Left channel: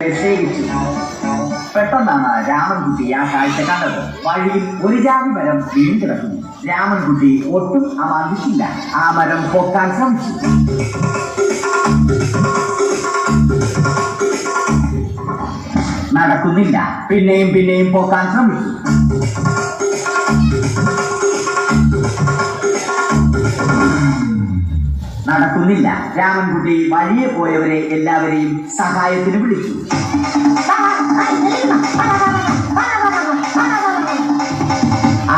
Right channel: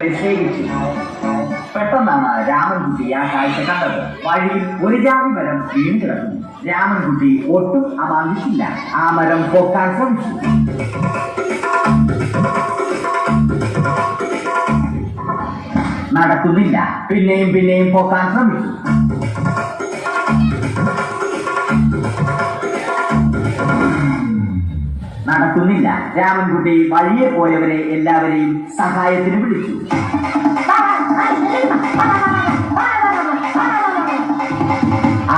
സ്നേഹിച്ചു. പെട്ടെന്നാണ് രാമൻകുട്ടി ആ കാഴ്ച കണ്ടത്. വഴിയിൽ ഒരു ജാതി മരം വീണ് കിടക്കുന്നു. രാമൻകുട്ടി ഒട്ടും അമാന്തിച്ചില്ല. ആ മരം പൊക്കാൻ ശ്രമിച്ചു. നടക്കുന്നില്ല. പിന്നെയും പിന്നെയും പൊക്കാൻ ശ്രമിച്ചു. നടക്കുന്നില്ല. രാമൻകുട്ടി വഴിയെ പോയവരെ എല്ലാവരെയും സഹായത്തിന് വിളിച്ചു.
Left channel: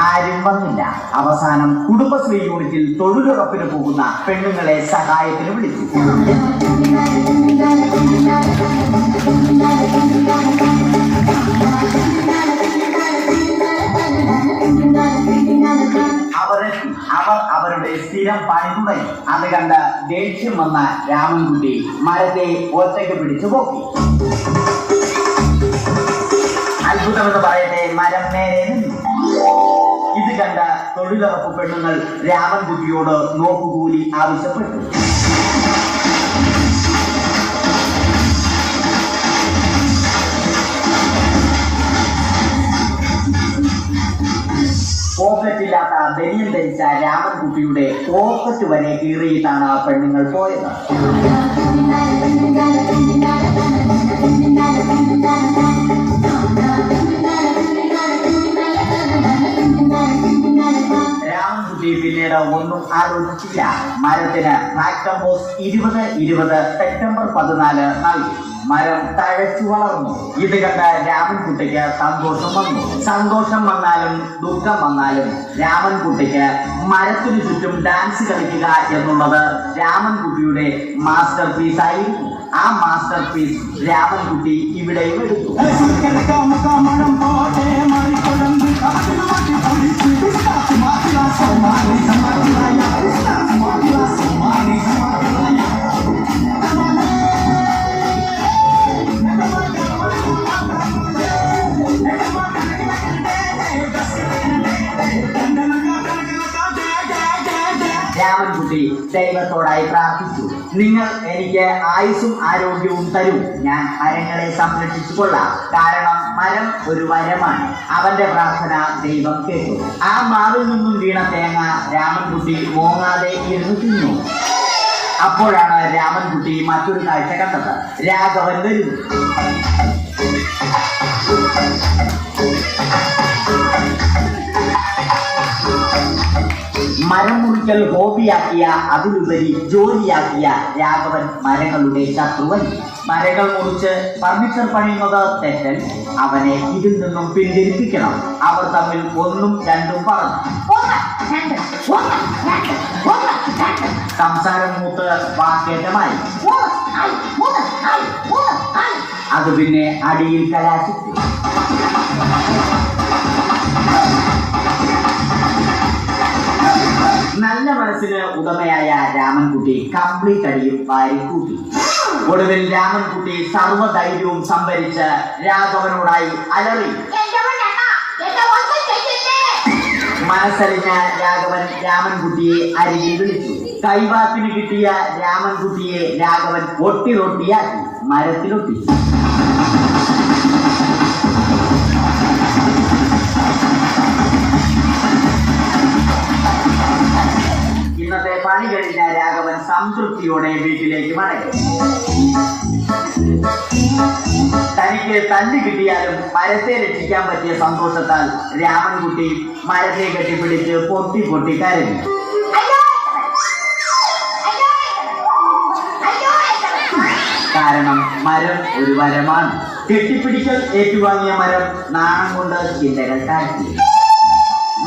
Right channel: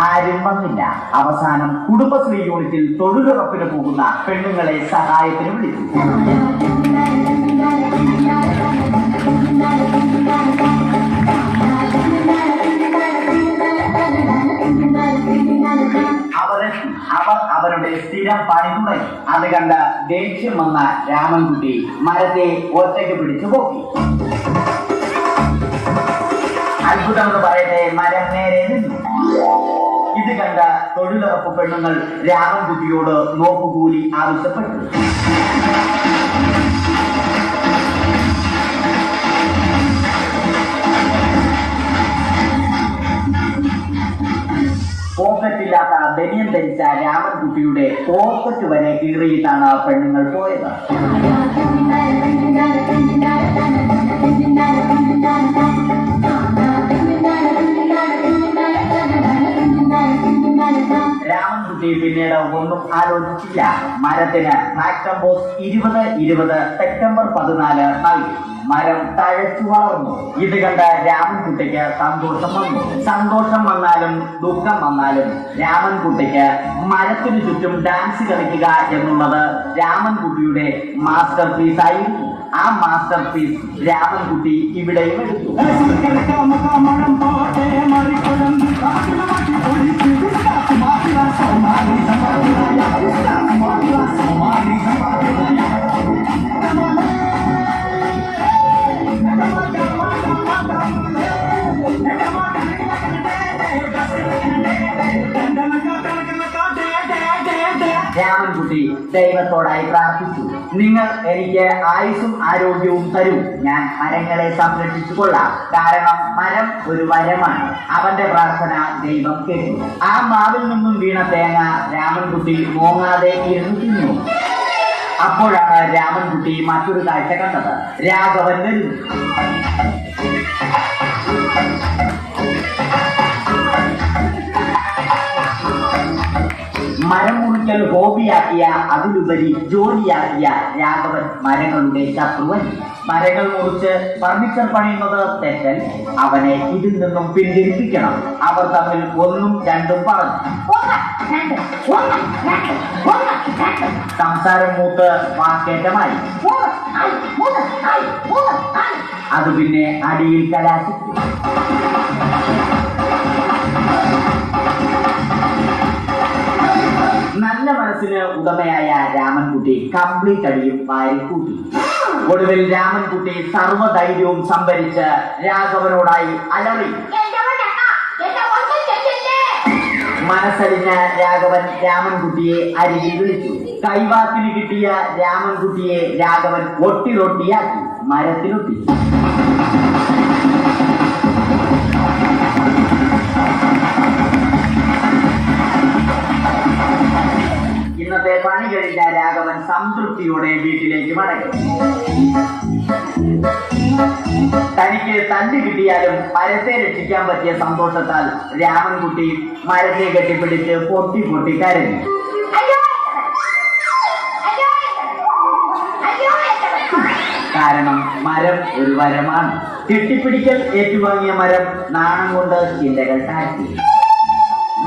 ആരും വന്നില്ല. അവസാനം കുടുംബശ്രീ യൂണിറ്റിൽ തൊഴിലുറപ്പിന് പോകുന്ന പെണ്ണുങ്ങളെ സഹായത്തിന് വിളിച്ചു. അവർ അവരുടെ സ്ഥിരം പണി തുടങ്ങി. അത് കണ്ട ദേഷ്യം വന്ന രാമൻകുട്ടി മരത്തെ ഒറ്റയ്ക്ക് പിടിച്ചു പോക്കി. അത്ഭുതം എന്ന് പറയട്ടെ, മരം നേരെ നിന്നു. ഇത് കണ്ട തൊഴിലുറപ്പ് പെണ്ണുങ്ങൾ രാമൻകുട്ടിയോട് നോക്കുകൂലി ആവശ്യപ്പെട്ടു. പോക്കറ്റില്ലാത്ത ബനിയൻ ധരിച്ച രാമൻകുട്ടിയുടെ പോക്കറ്റ് വരെ കീറിയിട്ടാണ് പെണ്ണുങ്ങൾ പോയത്. രാമൻകുട്ടി പിന്നീട് ഒന്നും ആലോചിച്ചില്ല. മരത്തിന് ഫാക്ടംബോസ് 2020 സെപ്റ്റംബർ 14 നൽകി. മരം തഴച്ചു വളർന്നു. ഇത് കണ്ട രാമൻകുട്ടിക്ക് സന്തോഷം വന്നു. സന്തോഷം വന്നാലും ദുഃഖം വന്നാലും രാമൻകുട്ടിക്ക് മരത്തിനു ചുറ്റും ഡാൻസ് കളിക്കുക എന്നുള്ളത് രാമൻകുട്ടിയുടെ മാസ്റ്റർ പീസ് ആയിരുന്നു. ആ മാസ്റ്റർ പീസ് രാമൻകുട്ടി ഇവിടെയും എടുത്തു. രാമൻകുട്ടി ദൈവത്തോടായി പ്രാർത്ഥിച്ചു. നിങ്ങൾ എനിക്ക് ആയുസ്സും ആരോഗ്യവും തരൂ. ഞാൻ മരങ്ങളെ സംരക്ഷിച്ചു കൊള്ളാം. കാരണം മരം ഒരു മരമാണ്. അവന്റെ പ്രാർത്ഥന ദൈവം കേട്ടു. ആ മാവിൽ നിന്നും വീണ തേങ്ങ രാമൻകുട്ടി മോങ്ങാതെ ഇരുന്നു തിന്നു. അപ്പോഴാണ് രാമൻകുട്ടി മറ്റൊരു കാഴ്ച കണ്ടത്. രാഘവൻ വരുന്നു. മരം മുറിക്കൽ ഹോബിയാക്കിയ, അതിലുപരി ജോലിയാക്കിയ രാഘവൻ മരങ്ങളുടെ ശത്രുവൻ. മരങ്ങൾ മുറിച്ച് ഫർണിച്ചർ പണിയുന്നത് തെറ്റൽ. അവനെ ഇതിൽ നിന്നും പിന്തിരിപ്പിക്കണം. അവർ തമ്മിൽ ഒന്നും രണ്ടും പറഞ്ഞു. സംസാരം മൂത്ത് വാക്കേറ്റമായി. അത് പിന്നെ അടിയിൽ കലാശിച്ചു. നല്ല മനസ്സിന് ഉടമയായ രാമൻകുട്ടി കംപ്ലീറ്റ് അടിയും വാരിക്കൂട്ടി. ഒടുവിൽ രാമൻകുട്ടി സർവ്വധൈര്യവും സംഭരിച്ച് രാഘവനോടായി അലറി. മനസ്സറിഞ്ഞ രാഘവൻ രാമൻകുട്ടിയെ അരികിൽ വിളിച്ചു. കൈവാക്കിന് കിട്ടിയ രാമൻകുട്ടിയെ രാഘവൻ ഒട്ടിറൊട്ടിയാക്കി മരത്തിലൊട്ടി. ഇന്നത്തെ പണി കഴിഞ്ഞ രാഘവൻ സംതൃപ്തിയോടെ വീട്ടിലേക്ക് മടങ്ങി. തനിക്ക് തല്ലി കിട്ടിയാലും മരത്തെ രക്ഷിക്കാൻ പറ്റിയ സന്തോഷത്താൽ രാമൻകുട്ടി മരത്തെ കെട്ടിപ്പിടിച്ച് പൊട്ടി പൊട്ടി കരഞ്ഞു. കാരണം മരം ഒരു വരമാണ്. കെട്ടിപ്പിടിക്കൽ ഏറ്റുവാങ്ങിയ മരം നാണം കൊണ്ട് ചിന്തകൾ താഴ്ത്തി.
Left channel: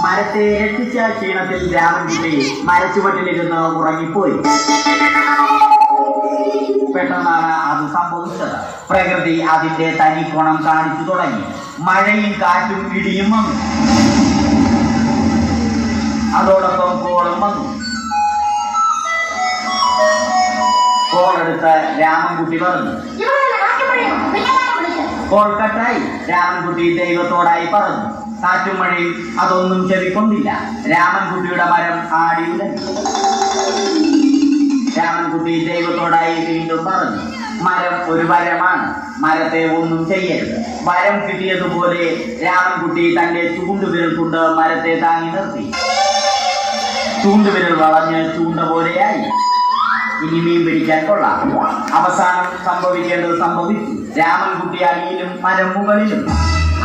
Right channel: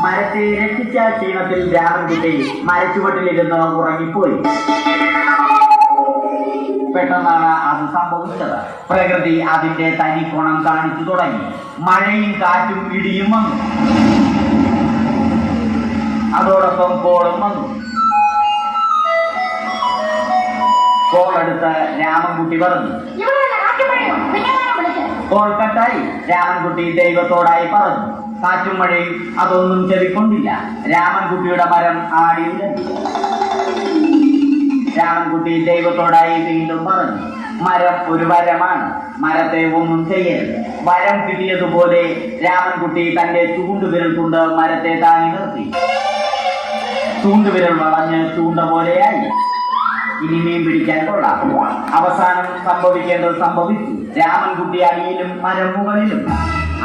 മരത്തെ രക്ഷിച്ച ക്ഷീണത്തിൽ രാമൻകുട്ടി മരച്ചുവട്ടിലിരുന്ന് ഉറങ്ങിപ്പോയി. പെട്ടെന്നാണ് അത് സംഭവിച്ചത്. പ്രകൃതി അതിന്റെ തനിക്കോണം കാണിച്ചു തുടങ്ങി. മഴയും കാറ്റും ഇടിയും വന്നു. അതോടൊപ്പം കോളും വന്നു. കോളെടുത്ത് രാമൻകുട്ടി പറഞ്ഞു. കോൾ കട്ടായി. രാമൻകുട്ടി ദൈവത്തോടായി പറഞ്ഞു. കാറ്റും മഴയും അതൊന്നും ചെവിക്കൊണ്ടില്ല. രാമൻകുട്ടിയുടെ മരം ആടി ഉലഞ്ഞു. രാമൻകുട്ടി ദൈവത്തോടായി വീണ്ടും പറഞ്ഞു. മരം ഒരു വരമാണ്. മരത്തെ ഒന്നും ചെയ്യരുത്. വരം കിട്ടിയതുപോലെ രാമൻകുട്ടി തന്റെ ചൂണ്ടുവിരൽ കൊണ്ട് മരത്തെ താങ്ങി നിർത്തി. ചൂണ്ടുവിരൽ വളഞ്ഞ് ചൂണ്ട പോലെയായി. ഇനി മീൻ പിടിക്കാൻ കൊള്ളാം. അവസാനം സംഭവിക്കേണ്ടത് സംഭവിച്ചു. രാമൻകുട്ടി അടിയിലും മരം മുകളിലും.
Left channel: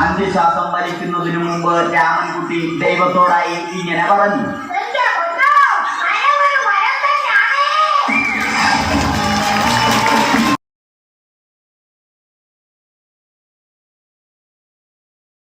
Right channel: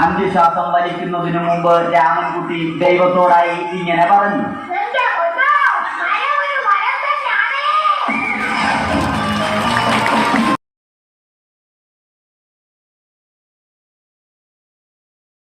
അന്ത്യശ്വാസം വലിക്കുന്നതിനു മുമ്പ് രാമൻകുട്ടി ദൈവത്തോടായി ഇങ്ങനെ പറഞ്ഞു: